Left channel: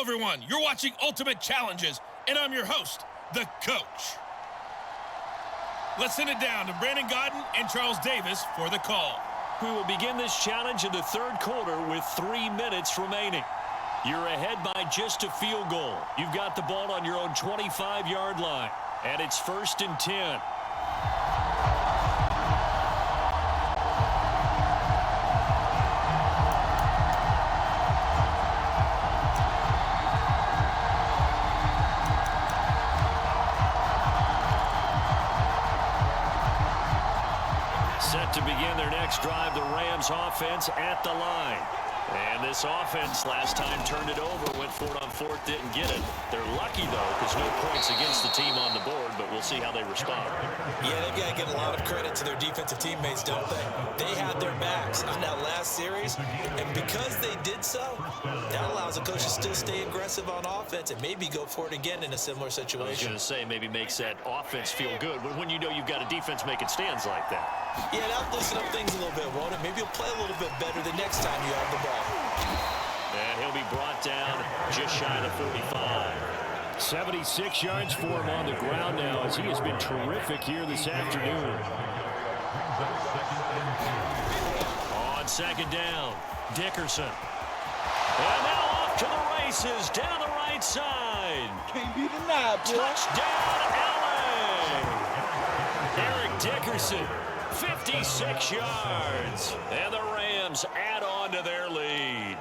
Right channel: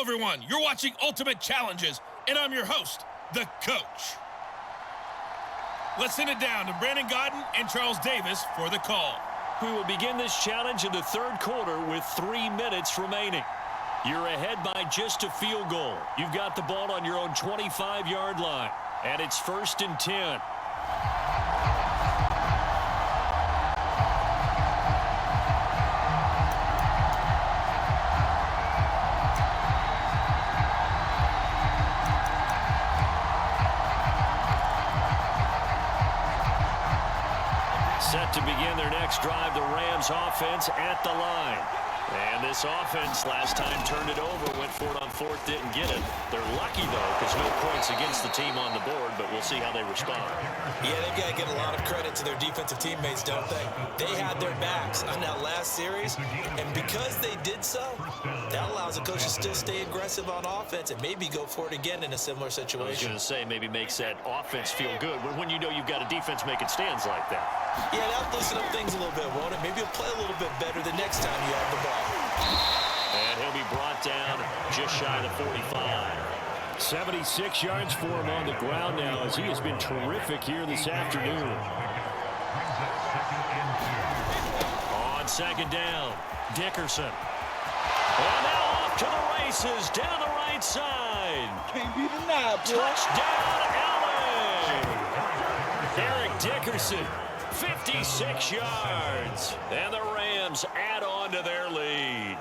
Hello, everyone. You're watching Ultimate Challenges, and I'm your host, the coach. Let's send it down to Brandon Godden and Charles Davis for the call. We will begin this challenge in the third quarter with 3 minutes remaining. You're ahead by just a field goal. You've got the ball on your own 25-yard line, and it's 1st and 10. Set to begin their next drive, the Rams offense at the line. And this offense last time turned it over, went for it on 4th, didn't get it. They're lucky, though, because no points against the team on the board, but we'll see how they respond. Yeah, they've got to give a lot of credit to their defensive teammates, don't they? They had their backs on that last series, and because they did so, that allows the coach to still stay aggressive on offense and maybe go for it again in a similar situation. I was going to say, maybe makes that offense feel good when you know you've got a defense making stands like that. Yeah, that'll loosen up things a little bit, won't it? Maybe he'll play a little bit better the next time you have the ball. And he'll be brought down just shy of the 45. 76 yards for him on the ground now as he has been terrific here this afternoon. On 2nd down, Dickerson. And now off to the races down the right side. Can't be denied, boy. Touchdown, L.A. Eric Dickerson, 56 yards. And the Rams add on to their lead.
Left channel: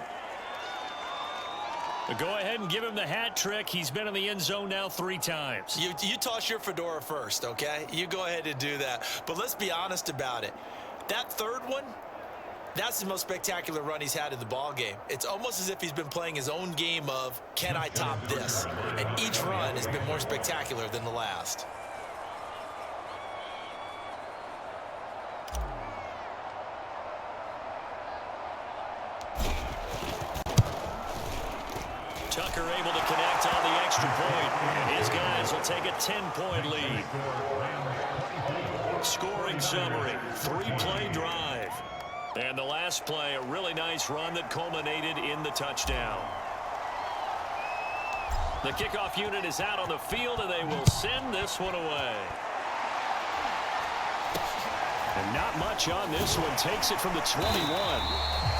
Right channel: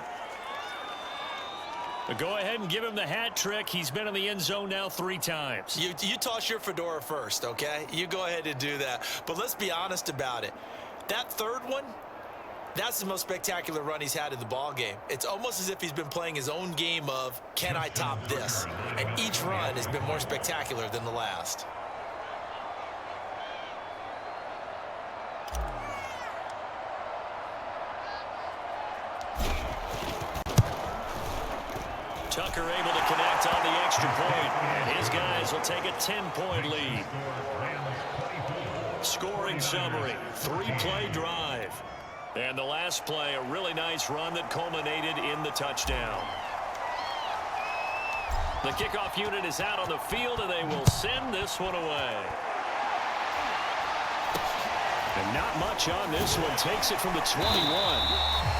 Go ahead and give him the hat trick. He's been in the end zone now 3 times. You toss your fedora first, okay? You go ahead and do that. But let's be honest about it. That third one, that's the most spectacular run he's had in the ball game. It's almost as if he's been playing his own game of, can I top this? And each run has been more spectacular than the last. Tucker able to connect on the extra point, and his guys will take a 10-point lead. Scoring summary, 3-play drive. And the last play, a really nice run that culminated in the touchdown. The kickoff unit is out on the field, and they will send this one away. And not much on this one. Takes it from the 21.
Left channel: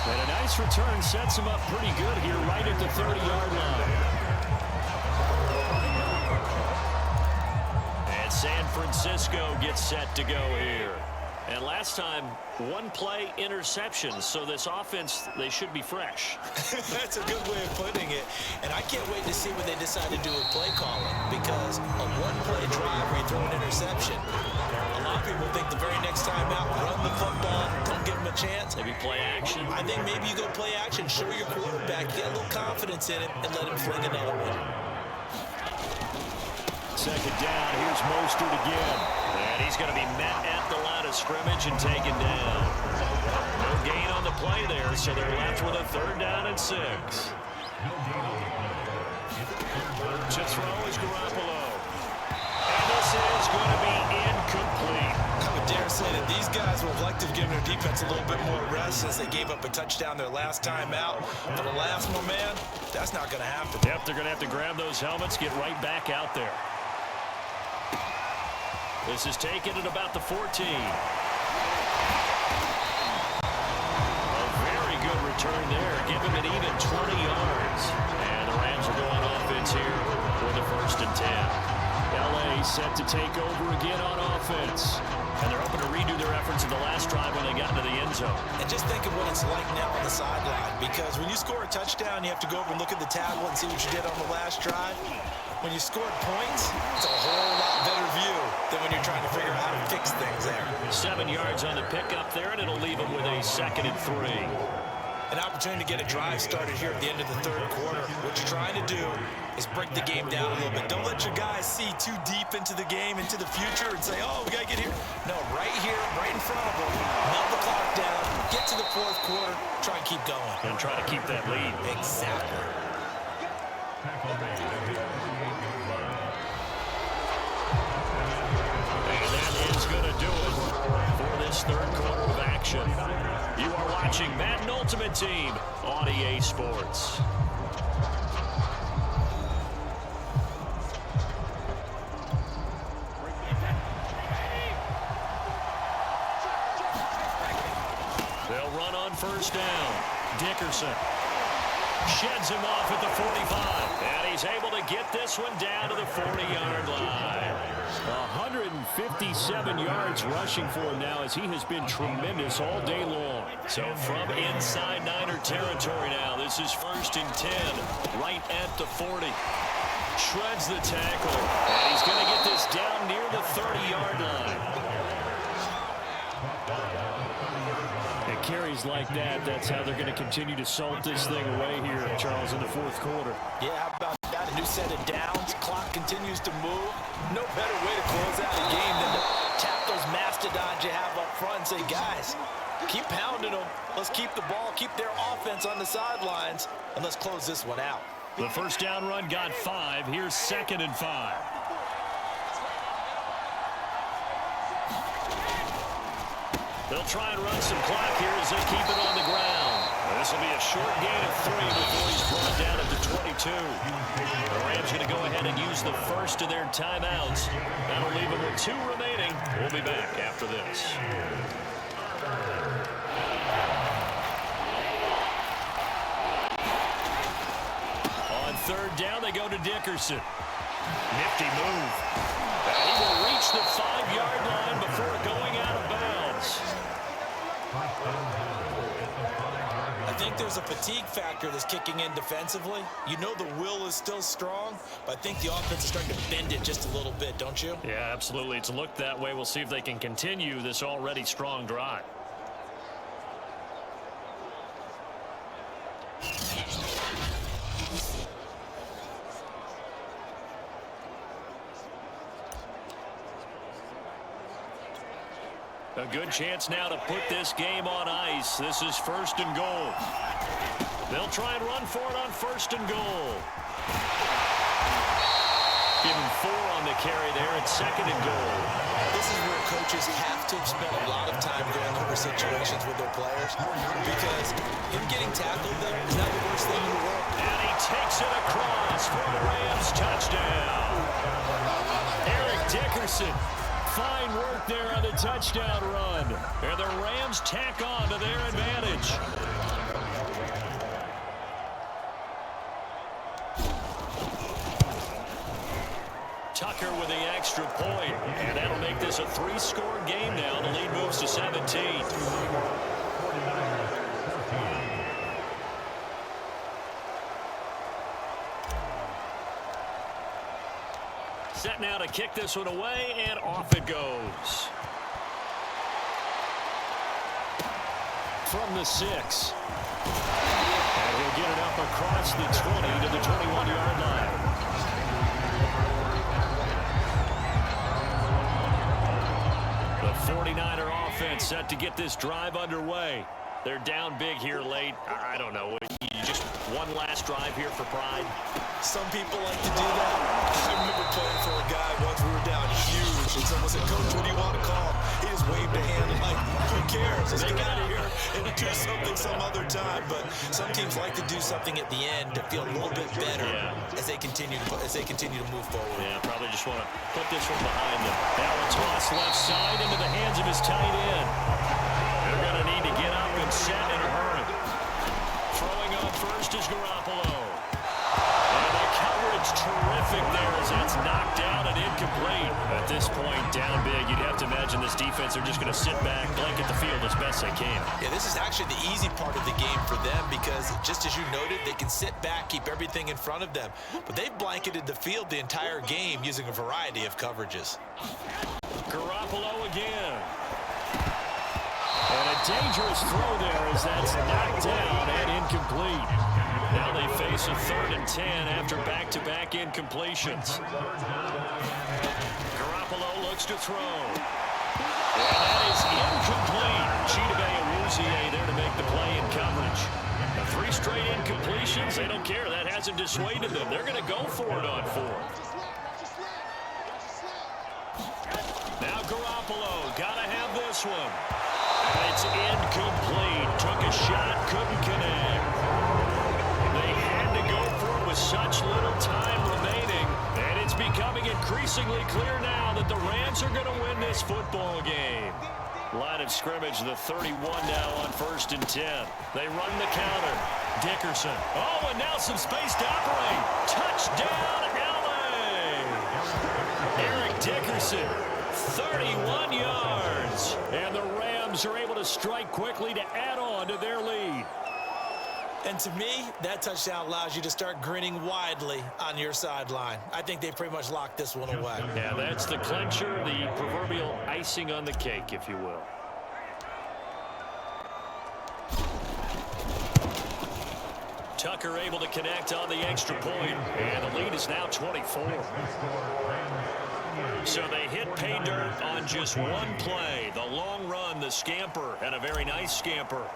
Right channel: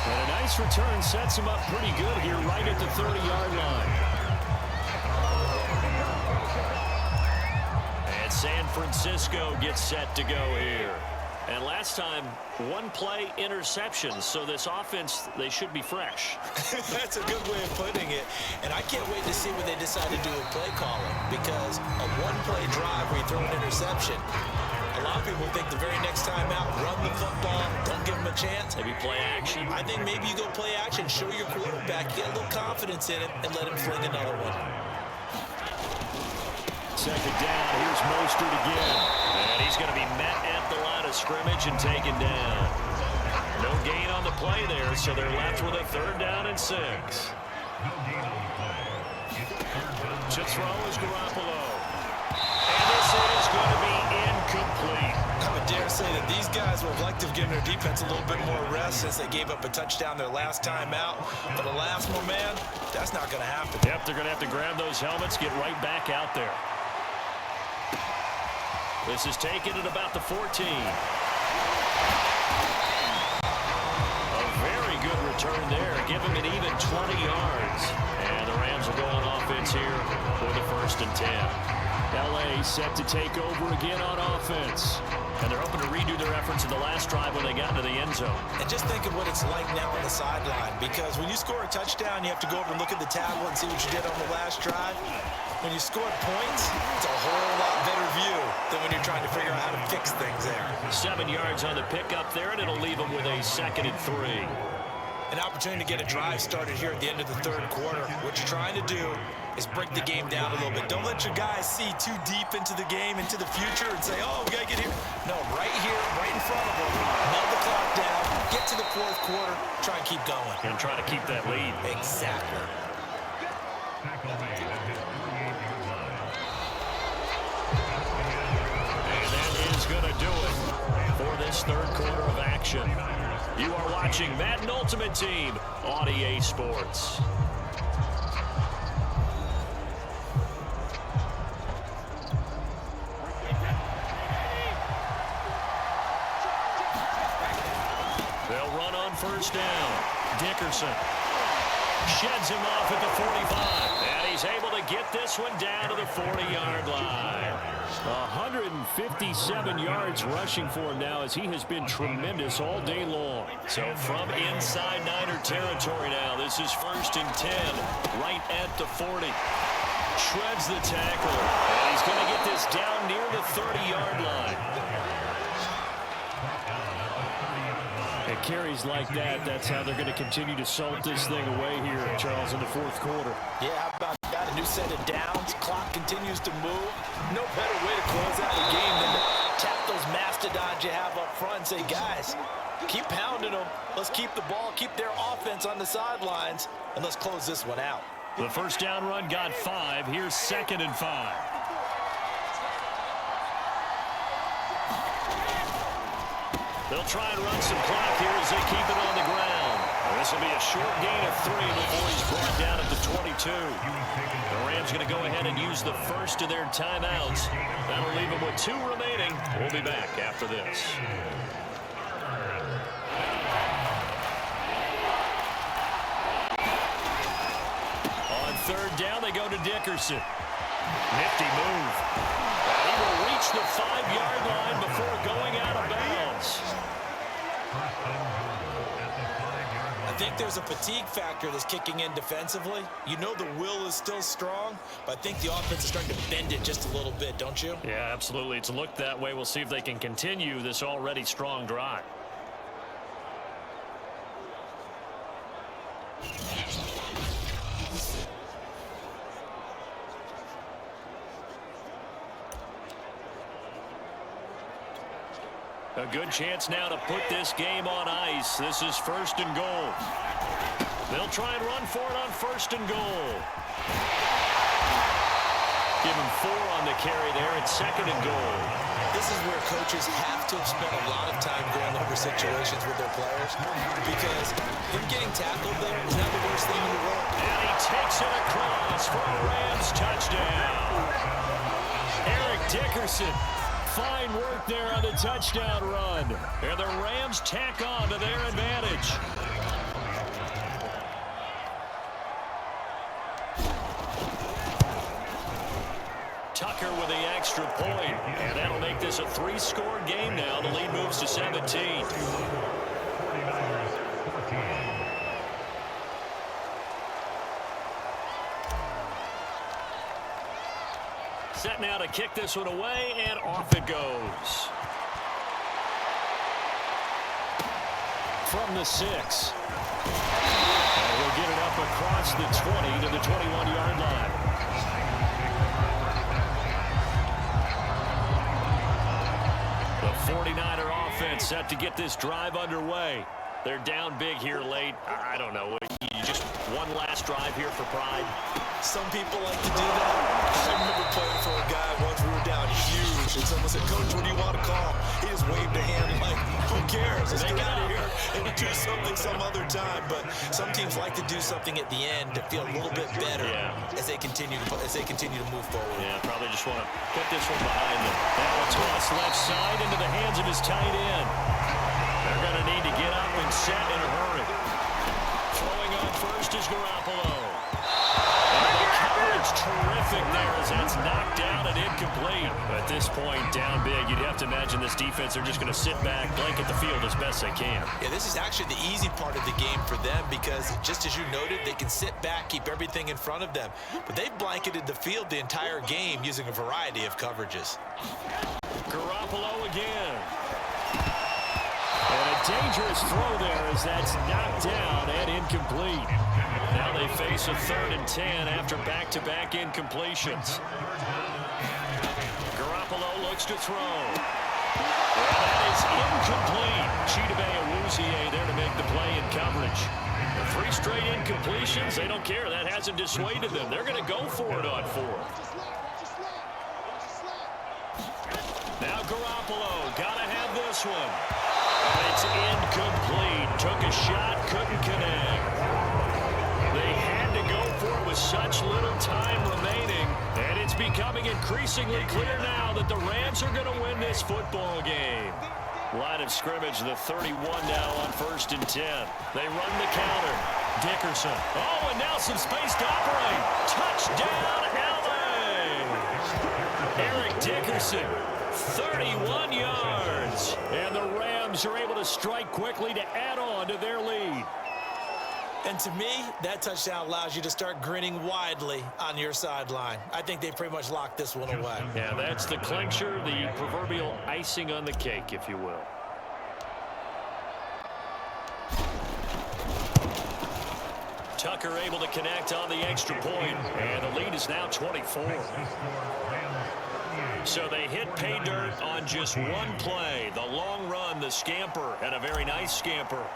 And a nice return sets him up pretty good here right at the 30-yard line. And San Francisco gets set to go here. And last time, 1-play interception. So this offense, they should be fresh. That's a good way of putting it. And I can't wait to see what they decide to do with play calling. Because a 1-play drive where you throw an interception, a lot of people think the very next time out, run the football, don't give him a chance. Maybe play action. I think maybe you go play action, show your quarterback, get a little confidence in him, and let him fling another one. 2nd down, here's Mostert again. And he's going to be met at the line of scrimmage and taken down. No gain on the play there, so they're left with a 3rd down and 6. To throw is Garoppolo. And this is going to be incomplete. I would dare say that these guys would like to have given their defense a little bit more rest since they gave up a touchdown their last time out. But alas, my man, that's not going to happen. Yep, they're going to have to grab those helmets, get right back out there. This is taken at about the 14. A very good return there. Give him an even 20 yards. And the Rams will go on offense here with a 1st and 10. L.A. set to take over again on offense. And they're hoping to redo their efforts in the last drive when they got into the end zone. And just think of what it's like now on the sideline. Because when you score a touchdown, you have to go over and look at the tablet and see what you did on the last drive. When you scored points, it's a whole lot better view than when you're trying to figure out how to fix things there. 7 yards on the pickup there, and it'll leave them with a 2nd and 3. An opportunity to get a drive started here at the end of the third quarter. What you're trying to do is break the game down a little bit. Don't let your guys see too deep into the game, into the future, and say, oh, we got to get here. No, right here, right in front of them, melt the clock down, get to the 4th quarter, try and keep going. And try to keep that lead. Exactly. And that is going to do it for this third quarter of action. You are watching Madden Ultimate Team on EA Sports. first down. Dickerson sheds him off at the 45. And he's able to get this one down to the 40-yard line. 157 yards rushing for him now, as he has been tremendous all day long. So from inside Niner territory now, this is 1st and 10, right at the 40. Shreds the tackle, and he's going to get this down near the 30-yard line. And carries like that, that's how they're going to continue to salt this thing away here, Charles, in the 4th quarter. Yeah, how about that? A new set of downs. Clock continues to move. No better way to close out a game than to tap those mastodons you have up front and say, guys, keep pounding them. Let's keep the ball, keep their offense on the sidelines, and let's close this one out. The first down run got 5. Here's 2nd and 5. They'll try and run some clock here as they keep it on the ground. This will be a short gain of 3 before he's brought down at the 22. The Rams going to go ahead and use the first of their timeouts. That'll leave them with 2 remaining. We'll be back after this. On 3rd down, they go to Dickerson. Nifty move. And he will reach the 5-yard line before going out of bounds. I think there's a fatigue factor that's kicking in defensively. You know the will is still strong, but I think the offense is starting to bend it just a little bit, don't you? Yeah, absolutely. It's looked that way. We'll see if they can continue this already strong drive. A good chance now to put this game on ice. This is 1st and goal. They'll try and run for it on 1st and goal. Give him 4 on the carry there at 2nd and goal. This is where coaches have to have spent a lot of time going over situations with their players, because him getting tackled there is not the worst thing in the world. And he takes it across for a Rams touchdown. Eric Dickerson. Fine work there on the touchdown run. And the Rams tack on to their advantage. Tucker with the extra point. And that'll make this a 3-score game now. The lead moves to 17. Set now to kick this one away, and off it goes. From the 6. And he'll get it up across the 20 to the 21-yard line. The 49er offense set to get this drive underway. They're down big here late. I don't know. Just one last drive here for pride. Some people like to do that. I remember playing for a guy once. We were down huge, and someone said, "Coach, what do you want to call?" He just waved a hand like, "Who cares? Let's get out of here and do something some other time." But some teams like to do something at the end to feel a little bit better as they continue to move forward. Yeah, probably just want to put this one behind them. Now a toss left side into the hands of his tight end. They're going to need to get up and set in a hurry. Throwing on first is Garoppolo. And the coverage terrific there as that's knocked down and incomplete. At this point, down big, you'd have to imagine this defense are just going to sit back, blanket the field as best they can. Yeah, this is actually the easy part of the game for them because, just as you noted, they can sit back, keep everything in front of them. But they've blanketed the field the entire game using a variety of coverages. Garoppolo again. And a dangerous throw there as that's knocked down and incomplete. Now they face a 3rd and 10 after back-to-back incompletions. Garoppolo looks to throw. And that is incomplete. Chidobe Awuzie there to make the play in coverage. And 3 straight incompletions, they don't care. That hasn't dissuaded them. They're going to go for it on 4th. Now Garoppolo, got to have this one. And it's incomplete. Took a shot, couldn't connect. They had to go for it with such little time remaining. And it's becoming increasingly clear now that the Rams are going to win this football game. Line of scrimmage, the 31 now on 1st and 10. They run the counter. Dickerson. Oh, and now some space to operate. Touchdown, L.A. Eric Dickerson, 31 yards. And the Rams are able to strike quickly to add on to their lead. And to me, that touchdown allows you to start grinning widely on your sideline. I think they pretty much locked this one away. Yeah, that's the clincher, the proverbial icing on the cake, if you will. Tucker able to connect on the extra point, and the lead is now 24. So they hit pay dirt on just one play. The long run, the scamper, and a very nice scamper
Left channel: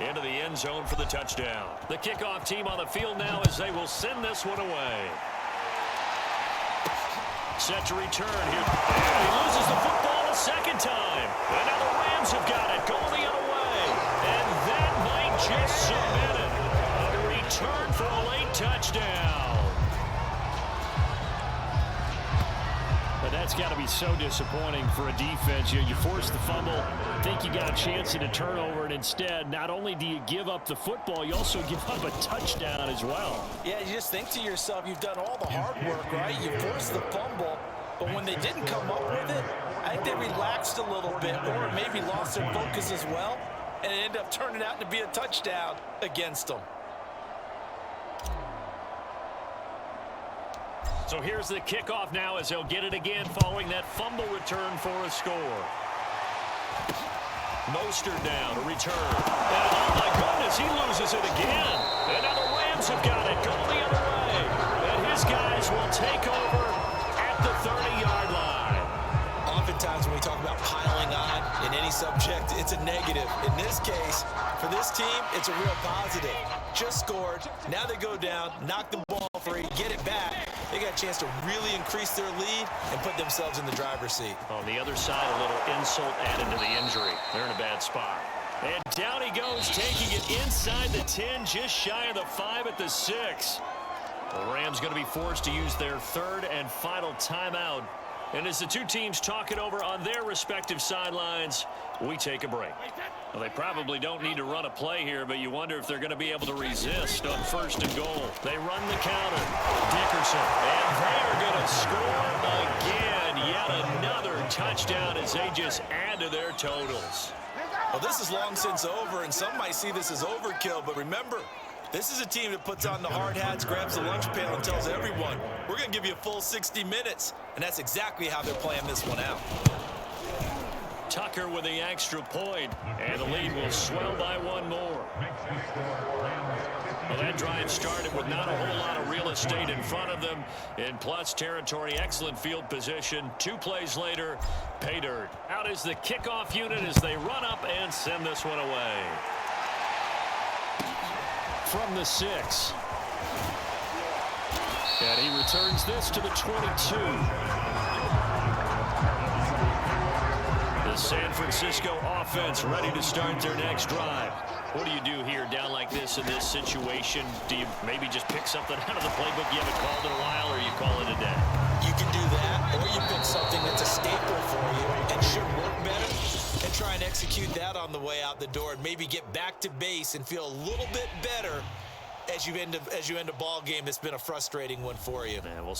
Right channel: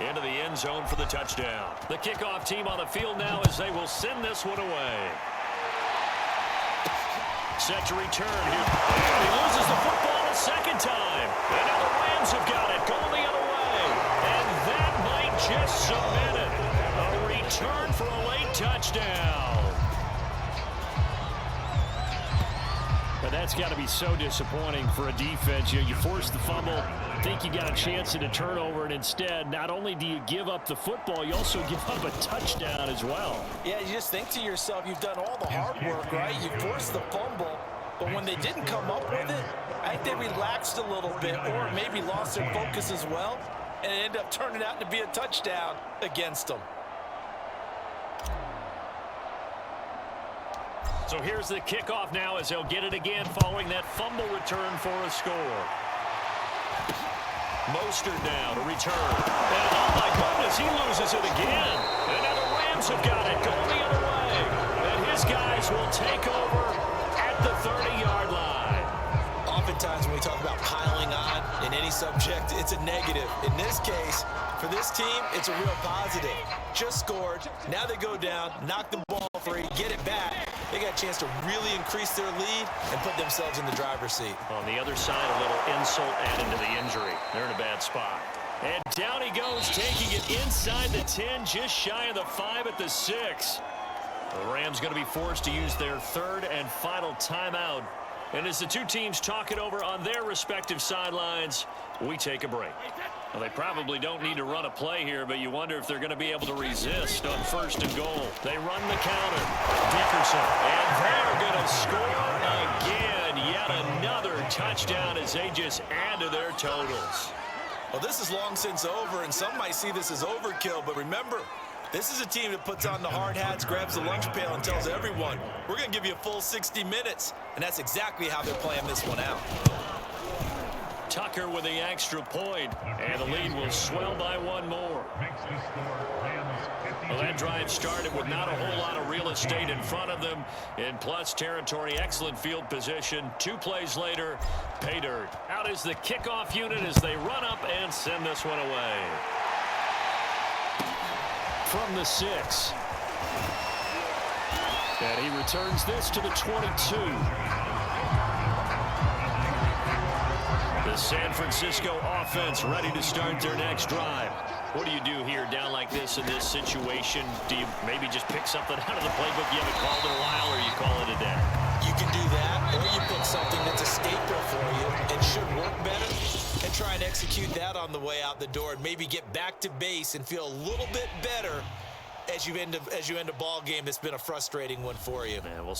into the end zone for the touchdown. The kickoff team on the field now as they will send this one away. Set to return here. And he loses the football a second time. And now the Rams have got it going the other way. And that might just cement it. A return for a late touchdown. But that's got to be so disappointing for a defense. You force the fumble, think you got a chance at a turnover, and instead, not only do you give up the football, you also give up a touchdown as well. Yeah, you just think to yourself, you've done all the hard work, right? You forced the fumble, but when they didn't come up with it, I think they relaxed a little bit or maybe lost their focus as well, and it ended up turning out to be a touchdown against them. So here's the kickoff now as they'll get it again following that fumble return for a score. Mostert now to return. And oh my goodness, he loses it again. And now the Rams have got it going the other way. And his guys will take over at the 30-yard line. Oftentimes when we talk about piling on in any subject, it's a negative. In this case, for this team, it's a real positive. Just scored. Now they go down, knock the ball free, get it back. They got a chance to really increase their lead and put themselves in the driver's seat. On the other side, a little insult added to the injury. They're in a bad spot. And down he goes, taking it inside the 10, just shy of the 5 at the 6. The Rams going to be forced to use their third and final timeout. And as the two teams talk it over on their respective sidelines, we take a break. Well, they probably don't need to run a play here, but you wonder if they're going to be able to resist on 1st and goal. They run the counter. Dickerson. And they're going to score again. Yet another touchdown as they just add to their totals. Well, this is long since over, and some might see this as overkill, but remember, this is a team that puts on the hard hats, grabs the lunch pail, and tells everyone, we're going to give you a full 60 minutes. And that's exactly how they're playing this one out. Tucker with the extra point, and the lead will swell by one more. Well, that drive started with not a whole lot of real estate in front of them. In plus territory, excellent field position. 2 plays later, pay dirt. Out is the kickoff unit as they run up and send this one away. From the 6. And he returns this to the 22. The San Francisco offense ready to start their next drive. What do you do here down like this in this situation? Do you maybe just pick something out of the playbook you haven't called in a while, or you call it a day? You can do that, or you pick something that's a staple for you and should work better and try and execute that on the way out the door and maybe get back to base and feel a little bit better as you end a ball game that's been a frustrating one for you. Yeah, well,